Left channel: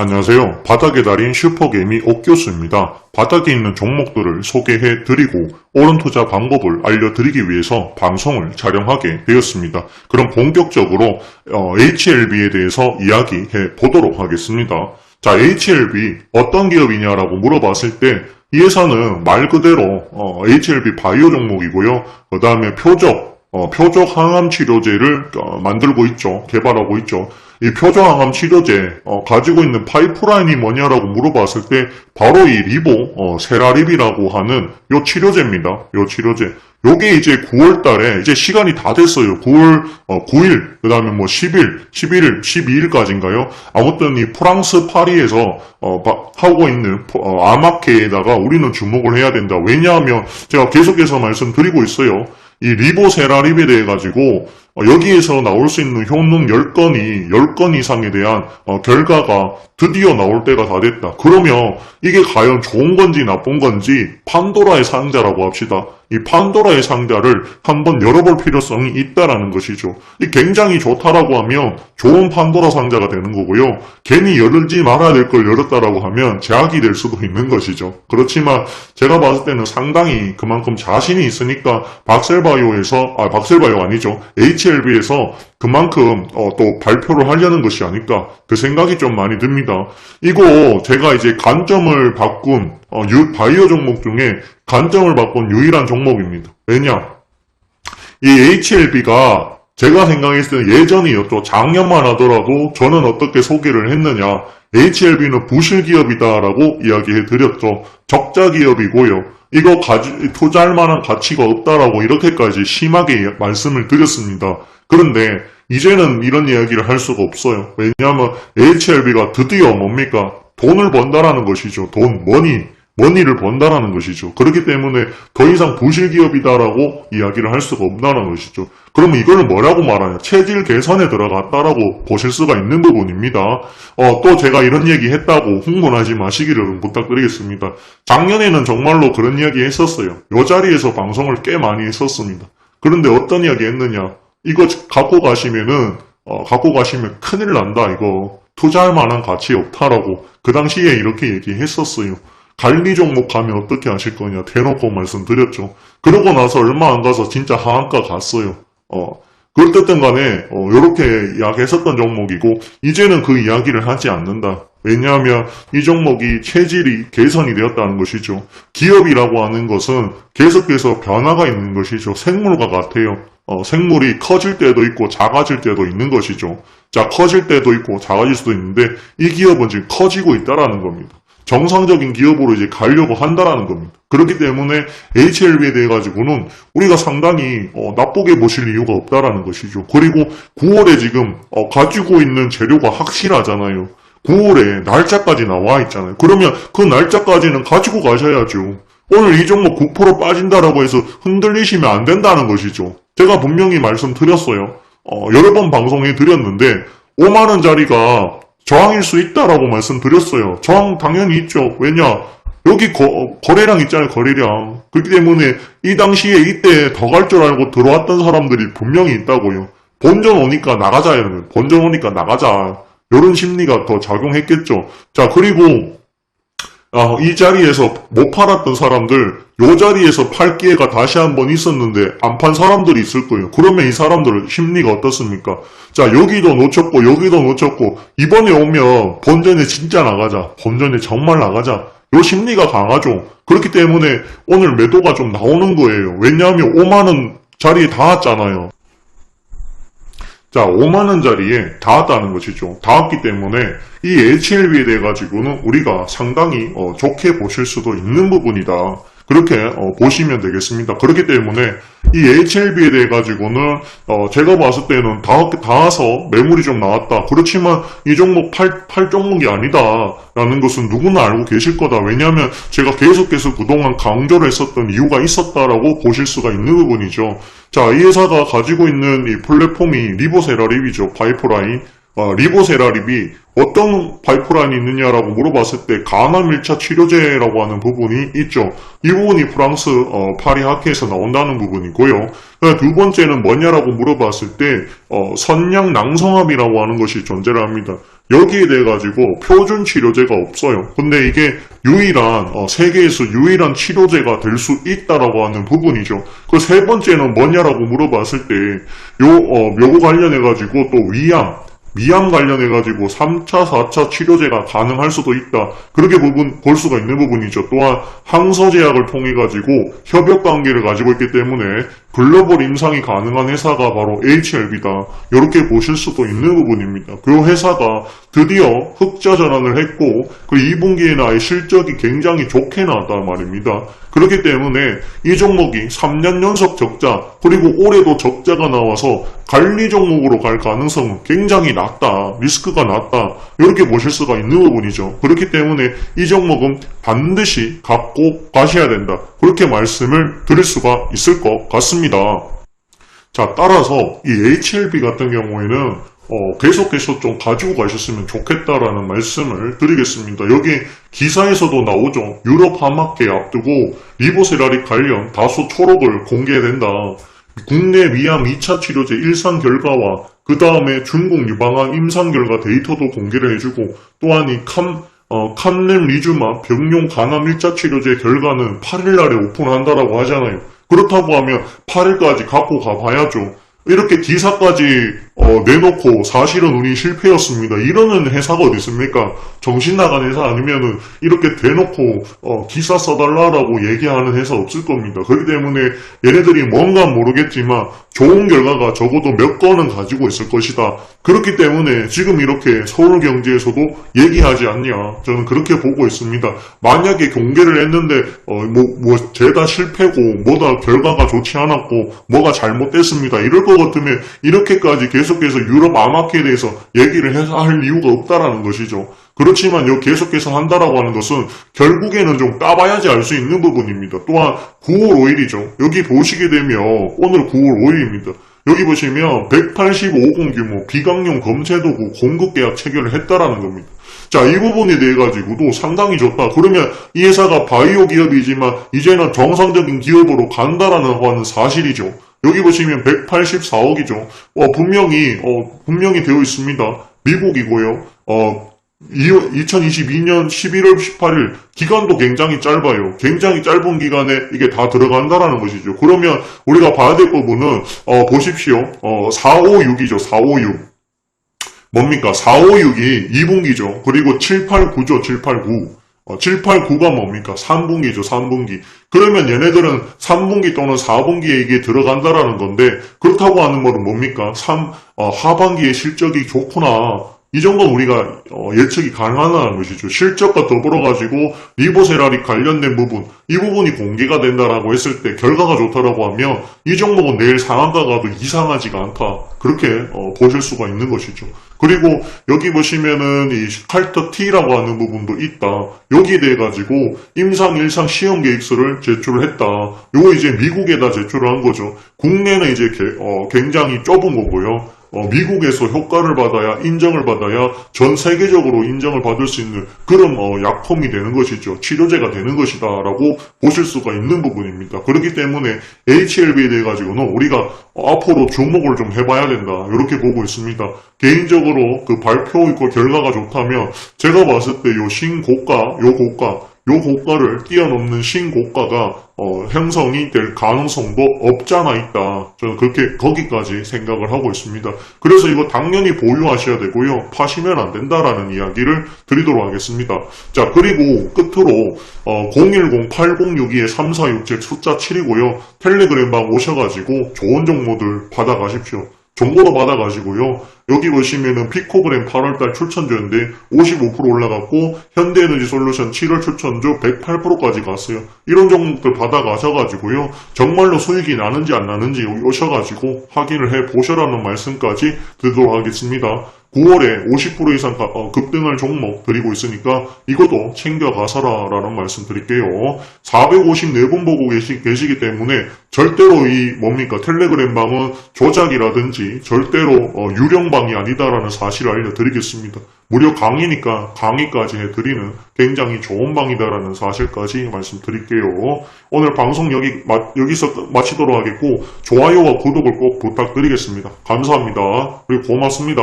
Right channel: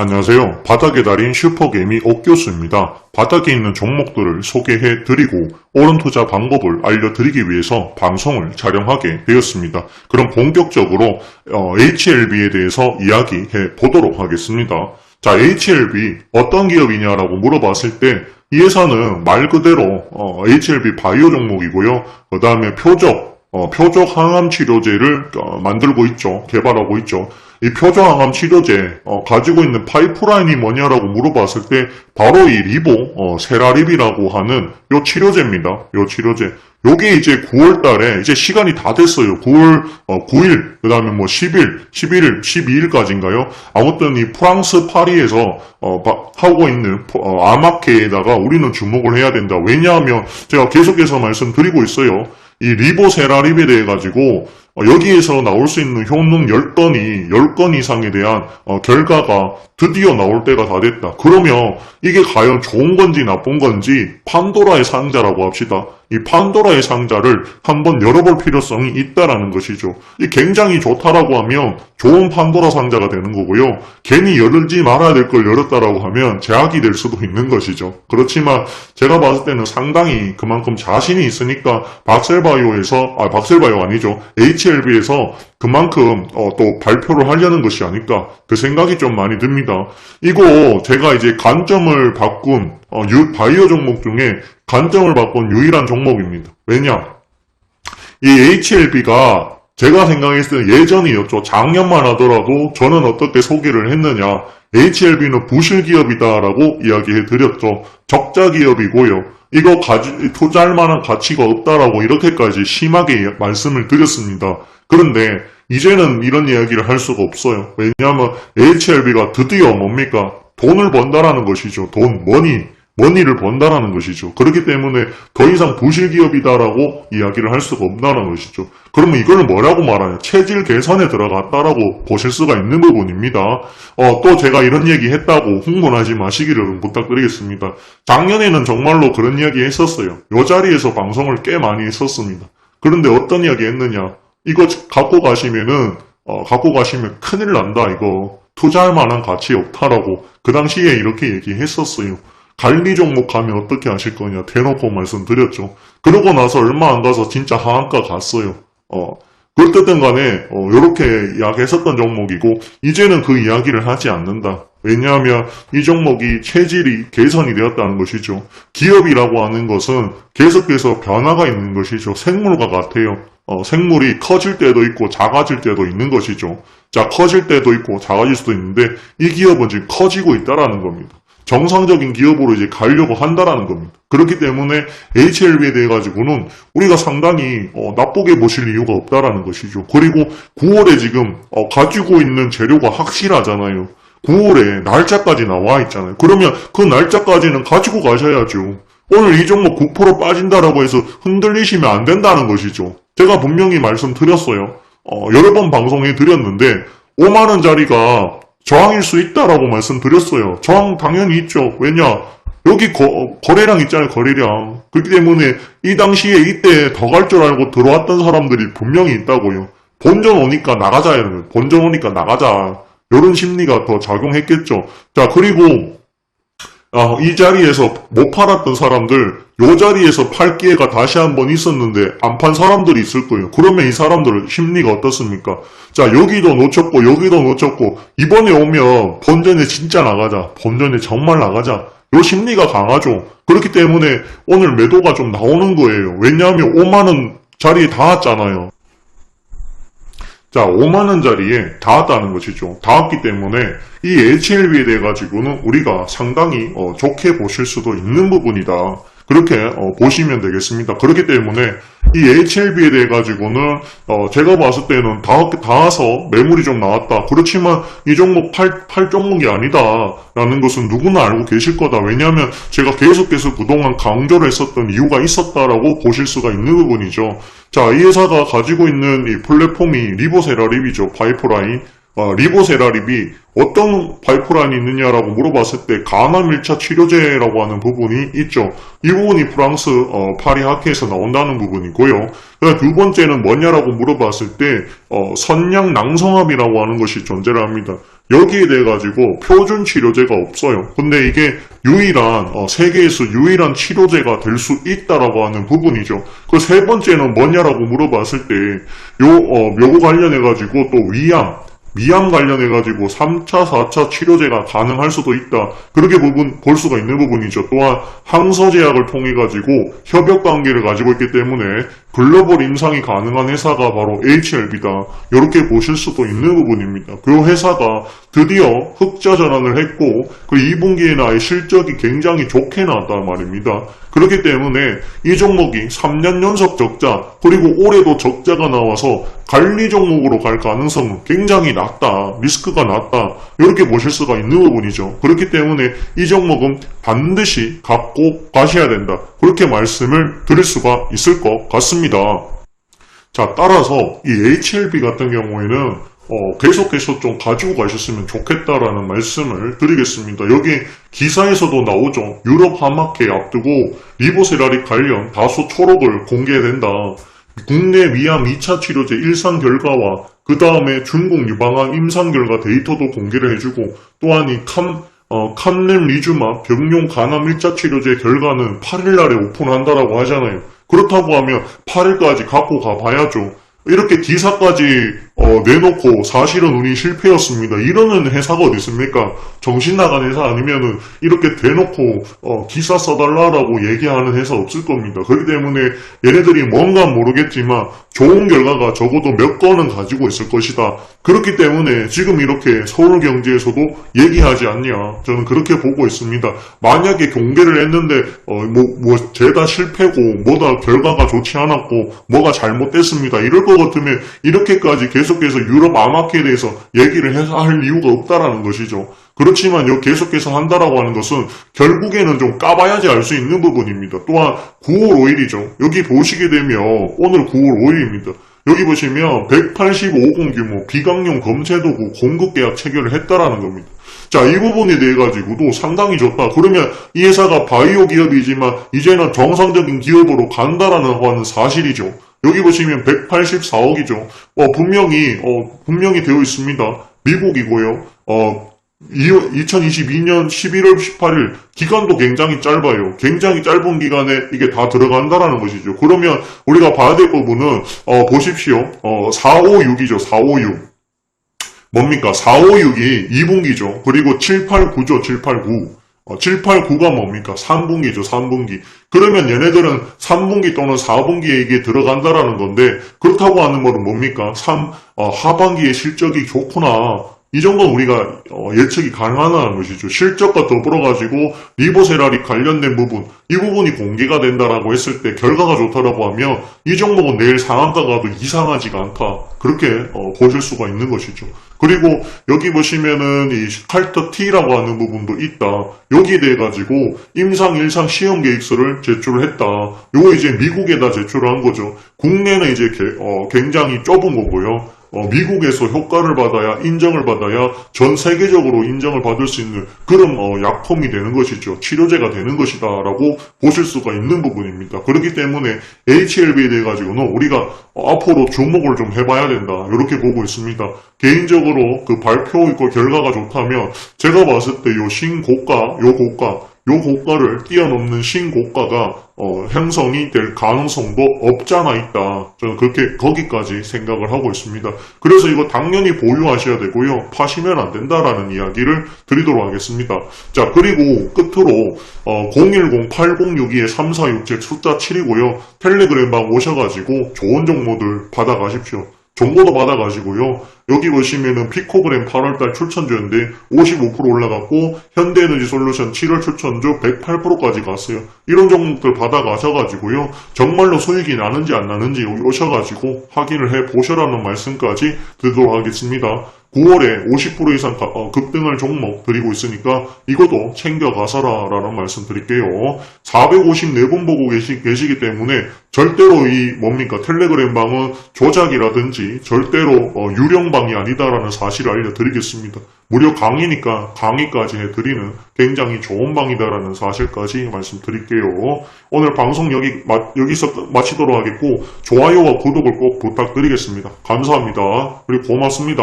안녕하세요. 바닥의 달인 슈퍼게임이 옥교수입니다. 바닥에 있는 종목들을 소개해 드리고 옳은 투자 방법을 알려드리기 위해서 방송을 촬영하게 되었습니다. 그럼 본격적으로 어, HLB에 대해서 이야기해 보도록 하겠습니다. 자, HLB 어떤 기업이냐라고 물어봤을 때 이 회사는 말 그대로 어, HLB 바이오 종목이고요. 그 다음에 표적 어, 표적 항암 치료제를 어, 만들고 있죠. 개발하고 있죠. 이 표정항암 치료제 어, 가지고 있는 파이프라인이 뭐냐라고 물어봤을 때 바로 이 리보 어, 세라립이라고 하는 요 치료제입니다. 요 치료제. 요게 이제 9월 달에 이제 시간이 다 됐어요. 9월 9일 그다음에 뭐 10일, 11일, 12일까지인가요? 아무튼 이 프랑스 파리에서 어, 바- 하고 있는 어, 아마케에다가 우리는 주목을 해야 된다. 왜냐하면 제가 계속해서 말씀드리고 있어요. 이 리보세라립에 대해 가지고 어, 여기에서 나올 수 있는 효능 10건이 10건 이상에 대한 어, 결과가 드디어 나올 때가 다 됐다. 그러면 이게 과연 좋은 건지 나쁜 건지 판도라의 상자라고 합시다. 이 판도라의 상자를 한번 열어볼 필요성이 있다라는 것이죠. 이 굉장히 좋다라고 하면 좋은 판도라 상자가 되는 거고요. 괜히 열지 말아야 될 걸 열었다라고 하면 제약이 될 수도 있는 것이죠. 그렇지만 제가 봤을 때는 상당히 그만큼 자신이 있으니까 박셀바이오에서 아 박셀바이오 아니죠. HLB에서 그만큼 어, 또 발표를 하려는 것이 아닐까 그 생각이 좀 많이 듭니다. 이거 제가 이제 관점을 바꾼 어, 유- 바이오 종목 중에 관점을 바꾼 유일한 종목입니다. 왜냐? 이 HLB가 제가 생각했을 때 예전이었죠. 작년만 하더라도 저는 어떻게 소개를 했느냐. HLB는 부실 기업이다라고 이야기해 드렸죠. 적자 기업이고요. 이거 가지, 투자할 만한 가치가 없다라고 이렇게까지 심하게 말씀을 드렸습니다. 그런데 이제는 이런 이야기를 할 수가 없어요. 왜냐하면 HLB가 드디어 뭡니까? 돈을 번다라는 것이죠. 돈, 머니. 머니를 번다라는 것이죠. 그렇기 때문에 더 이상 부실기업이다라고 이야기를 할 수가 없다는 것이죠. 그러면 이거는 뭐라고 말하냐? 체질 개선에 들어갔다라고 보실 수가 있는 부분입니다. 어, 또 제가 이런 얘기 했다고 흥분하지 마시기를 좀 부탁드리겠습니다. 작년에는 정말로 그런 이야기 했었어요. 이 자리에서 방송을 꽤 많이 했었습니다. 그런데 어떤 이야기 했느냐? 이거 갖고 가시면은, 어, 갖고 가시면 큰일 난다, 이거. 투자할 만한 가치 없다라고. 그 당시에 이렇게 얘기했었어요. 관리 종목 가면 어떻게 하실 거냐 대놓고 말씀드렸죠. 그러고 나서 얼마 안 가서 진짜 하한가 갔어요. 어. 그렇든 간에 어, 이렇게 이야기했었던 종목이고 이제는 그 이야기를 하지 않는다. 왜냐하면 이 종목이 체질이 개선이 되었다는 것이죠. 기업이라고 하는 것은 계속해서 변화가 있는 것이죠. 생물과 같아요. 어, 생물이 커질 때도 있고 작아질 때도 있는 것이죠. 자, 커질 때도 있고 작아질 수도 있는데 이 기업은 지금 커지고 있다라는 겁니다. 정상적인 기업으로 이제 가려고 한다라는 겁니다. 그렇기 때문에 HLB에 대해 가지고는 우리가 상당히 어, 나쁘게 보실 이유가 없다라는 것이죠. 그리고 9월에 지금 어, 가지고 있는 재료가 확실하잖아요. 9월에 날짜까지 나와 있잖아요. 그러면 그 날짜까지는 가지고 가셔야죠. 오늘 이 종목 9% 빠진다라고 해서 흔들리시면 안 된다는 것이죠. 제가 분명히 말씀드렸어요. 어, 여러 번 방송해 드렸는데 5만원짜리가 저항일 수 있다라고 말씀드렸어요. 저항 당연히 있죠. 왜냐? 여기 거, 거래량 있잖아요, 거래량. 그렇기 때문에 이 당시에 이때 더 갈 줄 알고 들어왔던 사람들이 분명히 있다고요. 본전 오니까 나가자, 여러분. 본전 오니까 나가자. 이런 심리가 더 작용했겠죠. 자, 그리고 아, 이 자리에서 못 팔았던 사람들, 요 자리에서 팔 기회가 다시 한번 있었는데, 안 판 사람들이 있을 거예요. 그러면 이 사람들 심리가 어떻습니까? 자, 여기도 놓쳤고, 여기도 놓쳤고, 이번에 오면 본전에 진짜 나가자. 본전에 정말 나가자. 요 심리가 강하죠. 그렇기 때문에 오늘 매도가 좀 나오는 거예요. 왜냐하면 5만원 자리에 닿았잖아요. 자, 5만원짜리에 닿았다는 것이죠. 닿았기 때문에 이 HLB에 대해 가지고는 우리가 상당히 어, 좋게 보실 수도 있는 부분이다. 그렇게 어, 보시면 되겠습니다. 그렇기 때문에 이 HLB에 대해 가지고는 어, 제가 봤을 때는 닿, 닿아서 매물이 좀 나왔다. 그렇지만 이 종목 팔, 팔 종목이 아니다 라는 것은 누구나 알고 계실 거다. 왜냐하면 제가 계속해서 그동안 강조를 했었던 이유가 있었다라고 보실 수가 있는 부분이죠. 자, 이 회사가 가지고 있는 이 플랫폼이 리보세라 립이죠. 파이프라인. 어, 리보세라림이 어떤 파이프라인이 있느냐라고 물어봤을 때 간암 1차 치료제라고 하는 부분이 있죠. 이 부분이 프랑스 어, 파리 학회에서 나온다는 부분이고요. 그두 번째는 뭐냐라고 물어봤을 때 어, 선양 낭성암이라고 하는 것이 존재를 합니다. 여기에 대해 가지고 표준 치료제가 없어요. 근데 이게 유일한 어, 세계에서 유일한 치료제가 될 수 있다라고 하는 부분이죠. 그 세 번째는 뭐냐라고 물어봤을 때요 어, 묘고 관련해 가지고 또 위암 미암 관련해가지고 3차, 4차 치료제가 가능할 수도 있다. 그렇게 부분, 볼 수가 있는 부분이죠. 또한 항서제약을 통해가지고 협력 관계를 가지고 있기 때문에 글로벌 임상이 가능한 회사가 바로 HLB다. 이렇게 보실 수도 있는 부분입니다. 그 회사가 드디어 흑자 전환을 했고 그 2분기에 나의 실적이 굉장히 좋게 나왔단 말입니다. 그렇기 때문에 이 종목이 3년 연속 적자 그리고 올해도 적자가 나와서 관리 종목으로 갈 가능성은 굉장히 낮다. 리스크가 낮다. 이렇게 보실 수가 있는 부분이죠. 그렇기 때문에 이 종목은 반드시 갖고 가셔야 된다. 그렇게 말씀을 드릴 수가 있을 것 같습니다. 자, 따라서 이 HLB 같은 경우에는 어, 계속해서 좀 가지고 가셨으면 좋겠다라는 말씀을 드리겠습니다. 여기 기사에서도 나오죠. 유럽 하마케 앞두고 리보세라리 관련 다수 초록을 공개된다. 국내 위암 2차 치료제 일상 결과와 그 다음에 중국 유방암 임상 결과 데이터도 공개를 해주고 또한 이 칸, 어, 칸렘리주마 병용 간암 1차 치료제 결과는 8일날에 오픈한다라고 하잖아요. 그렇다고 하면 8일까지 갖고 가봐야죠. 이렇게 기사까지 어, 내놓고 사실은 우리 실패였습니다. 이러는 회사가 어디 있습니까? 정신 나간 회사 아니면은 이렇게 대놓고 어, 기사 써달라라고 얘기하는 회사 없을 겁니다. 그렇기 때문에 얘네들이 뭔가 모르겠지만 좋은 결과가 적어도 몇 건은 가지고 있을 것이다. 그렇기 때문에 지금 이렇게 서울 경제에서도 얘기하지 않냐. 저는 그렇게 보고 있습니다. 만약에 공개를 했는데 어, 뭐, 뭐 죄다 실패고 뭐다 결과가 좋지 않았고 뭐가 잘못됐습니다. 이럴 것 같으면 이렇게까지 계속 해서 유럽 암학회에 대해서 얘기를 해서 할 이유가 없다라는 것이죠. 그렇지만 요 계속해서 한다라고 하는 것은 결국에는 좀 까봐야지 알 수 있는 부분입니다. 또한 9월 5일이죠. 여기 보시게 되면 오늘 9월 5일입니다. 여기 보시면 185공 규모 비강용 검체도구 공급 계약 체결을 했다라는 겁니다. 자, 이 부분에 대해 가지고도 상당히 좋다. 그러면 이 회사가 바이오 기업이지만 이제는 정상적인 기업으로 간다라는 하는 사실이죠. 여기 보시면 184억이죠. 어, 분명히 어, 분명히 되어 있습니다. 미국이고요. 어, 2022년 11월 18일 기간도 굉장히 짧아요. 굉장히 짧은 기간에 이게 다 들어간다라는 것이죠. 그러면 우리가 봐야 될 부분은 어, 보십시오. 어, 456이죠. 456. 뭡니까? 456이 2분기죠. 그리고 789죠. 789. 어, 789가 뭡니까? 3분기죠. 3분기. 그러면 얘네들은 3분기 또는 4분기에 이게 들어간다라는 건데 그렇다고 하는 거는 뭡니까? 3, 어, 하반기에 실적이 좋구나. 이 정도 우리가 어, 예측이 가능하다는 것이죠. 실적과 더불어가지고 리보 세라리 관련된 부분 이 부분이 공개가 된다라고 했을 때 결과가 좋다라고 하면 이 종목은 내일 상한가가 도 이상하지가 않다. 그렇게 어, 보실 수가 있는 것이죠. 그리고 여기 보시면은 이 칼터 T라고 하는 부분도 있다. 여기에 대해 가지고 임상 일상 시험 계획서를 제출을 했다. 요거 이제 미국에다 제출을 한 거죠. 국내는 이제 개- 어, 굉장히 좁은 거고요. 어, 미국에서 효과를 받아야 인정을 받아야 전 세계적으로 인정을 받을 수 있는 그런 어, 약품이 되는 것이죠. 치료제가 되는 것이다라고 보실 수가 있는 부분입니다. 그렇기 때문에 HLB에 대해 가지고는 우리가 어, 앞으로 주목을 좀 해봐야 된다. 이렇게 보고 있습니다. 개인적으로 그 발표 있고 결과가 좋다면 제가 봤을 때 요 신고가, 요 고가, 요 고가를 뛰어넘는 신고가가 어, 형성이 될 가능성도 없지 않아 있다. 저는 그렇게 거기까지 생각을 하고 있습니다. 그래서 이거 당연히 보유하셔야 되고요. 파시면 안 된다라는 이야기를 드리도록 하겠습니다. 자, 그리고 끝으로 어, 010-8062-3467 숫자 7이고요. 텔레그램방 오셔가지고 좋은 정보들 받아가십시오. 정보도 받아가시고요. 여기 보시면은 피코그램 8월달 출천주인데 55% 올라갔고 현대에너지 솔루션 7월 출천주 108%까지 갔어요. 이런 종목들 받아가셔가지고요. 정말로 수익이 나는지 안 나는지 여기 오셔가지고 확인을 해 보셔라는 말씀까지 드리도록 하겠습니다. 9월에 50% 이상 급등할 종목 드리고 있으니까 이것도 챙겨가서라 라는 말씀 드릴게요. 454분 보고 계시, 계시기 때문에 절대로 이 뭡니까 텔레그램 방은 조작이라든지 절대로 어, 유령방이 아니다라는 사실을 알려드리겠습니다. 무려 강의니까 강의까지 해드리는 굉장히 좋은 방이다라는 사실까지 말씀드릴게요. 오늘 방송 여기 마- 여기서 마치도록 하겠고 좋아요와 구독을 꼭 부탁드리겠습니다. 감사합니다. 그리고 고맙습니다.